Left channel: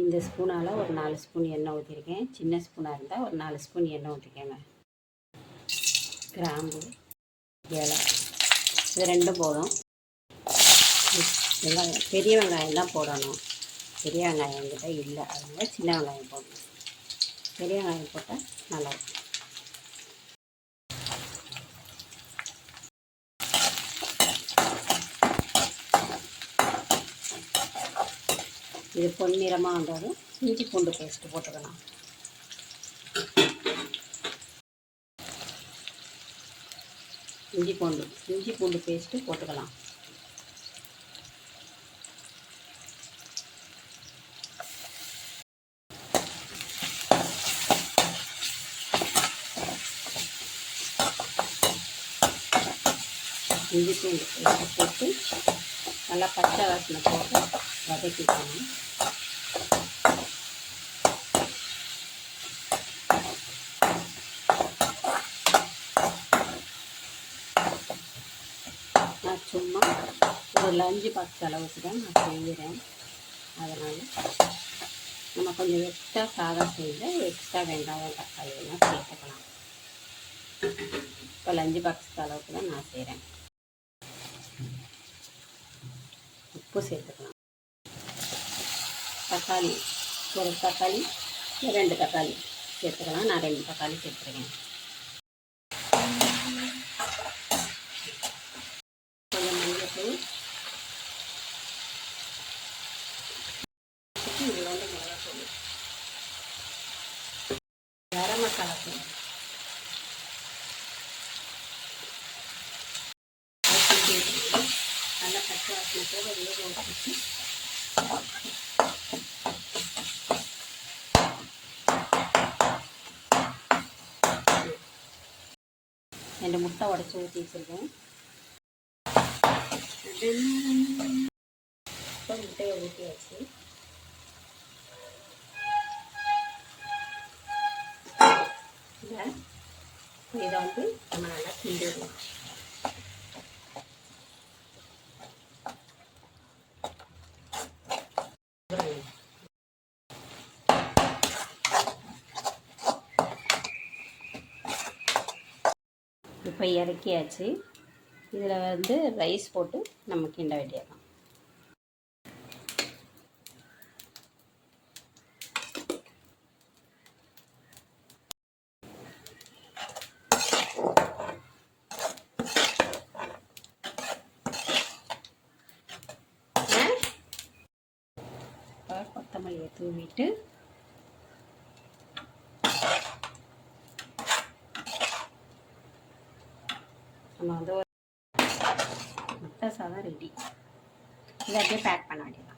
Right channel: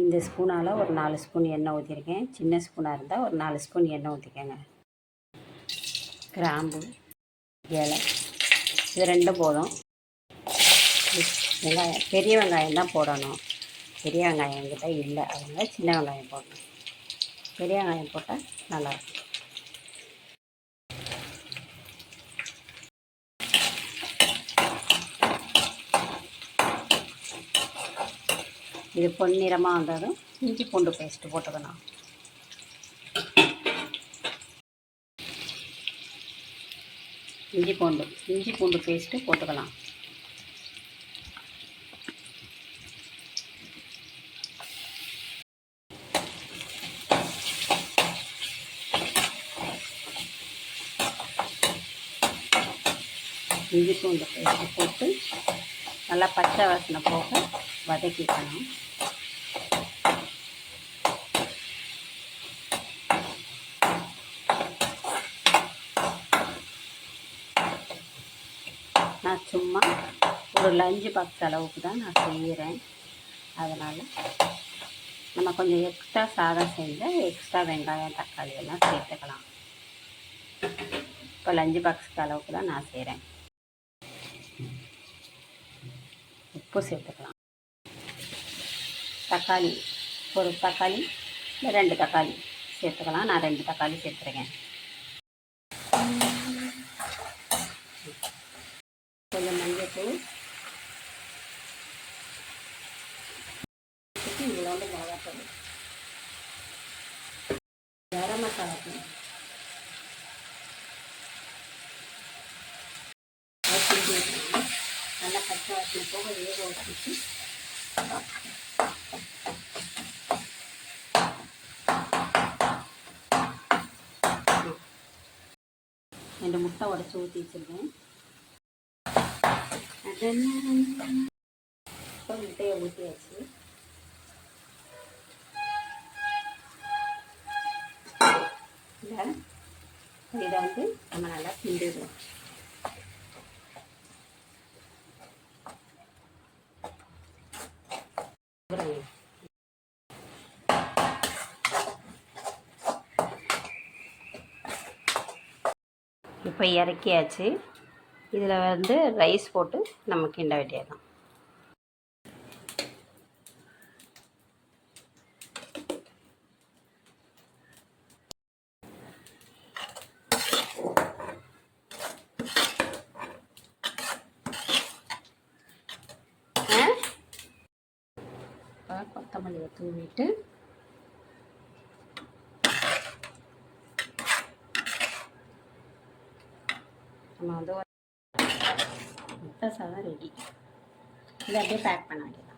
இந்த ஸ்பூனால் ஒரு 4 ஸ்பூன் எண்ணெய் ஊற்றிருக்கேன். சின்ன ஸ்பூனாக இருந்தால் ஒரு 4 ஸ்பூன் எண்ணெய் ஊற்றிக்கோங்க. கிராம்பு, ஏலை, இது ரெண்டும் போதும். வெங்காயம், பெரிய வெங்காயம் தான் போடணும். பெரிய வெங்காயம் என்கிட்ட இல்லை, அதனால் சின்ன வெங்காயம் போடணும். பெரிய வெங்காயம் போட்டால் நல்லாயிருக்கும். இது பொன்னிறமாக வந்ததும் இஞ்சி பூண்டு பேஸ்ட்டு போட்டுக்கணும். இஞ்சி பூண்டு பேஸ்ட்டு போட்டுக்கலாம். இஞ்சி பூண்டு பேஸ்ட்டு போட்டு நல்லா பச்சை வாசனை போக வதக்கிக்கணும். நான் சும்மா ஒரு லஞ்சு பாக்ஸ் அளவுக்கு தான் நான் செய்கிறேன். அதனால் நம்ம கொஞ்சம் எக்ஸ்ட்ரா சாதம் செஞ்சால் எக்ஸ்ட்ரா வெங்காயம் தக்காளி எல்லாம் சேர்த்துக்கலாம். இப்போ லஞ்சு பாக்ஸுக்கு அளவுக்கு தான் நான் செய்கிறேன். உப்பு சேர்த்துக்கலாம். தக்காளி, ஒரு தக்காளி இல்லை 2 தக்காளி சேர்த்துக்கலாம். நான் 2 தக்காளி சேர்த்துருக்கேன். கொஞ்சம் மஞ்சள், இவ்வளோண்டு மிளகாத்தூள், கரம் மசாலா தூள், நல்லா பச்சை வாசனை போக வேக வச்சு ரெண்டு முட்டை உடச்சி ஊற்றி வச்சுருக்கேன். இப்போ முட்டையை ஊற்றியாச்சு. இதை வந்து நம்ம நல்லா கிண்டிடலாம். இப்போ இறக்கியாச்சு. இதில் வந்து ரைஸ் போட்டு நம்ம கிண்ட வேண்டியதான். கொத்தமல்லியை தூவிட்டு நம்ம வந்து முட்டை சாதம் ரெடி. இதை அப்படியே பேக் பண்ண வேண்டியதான்.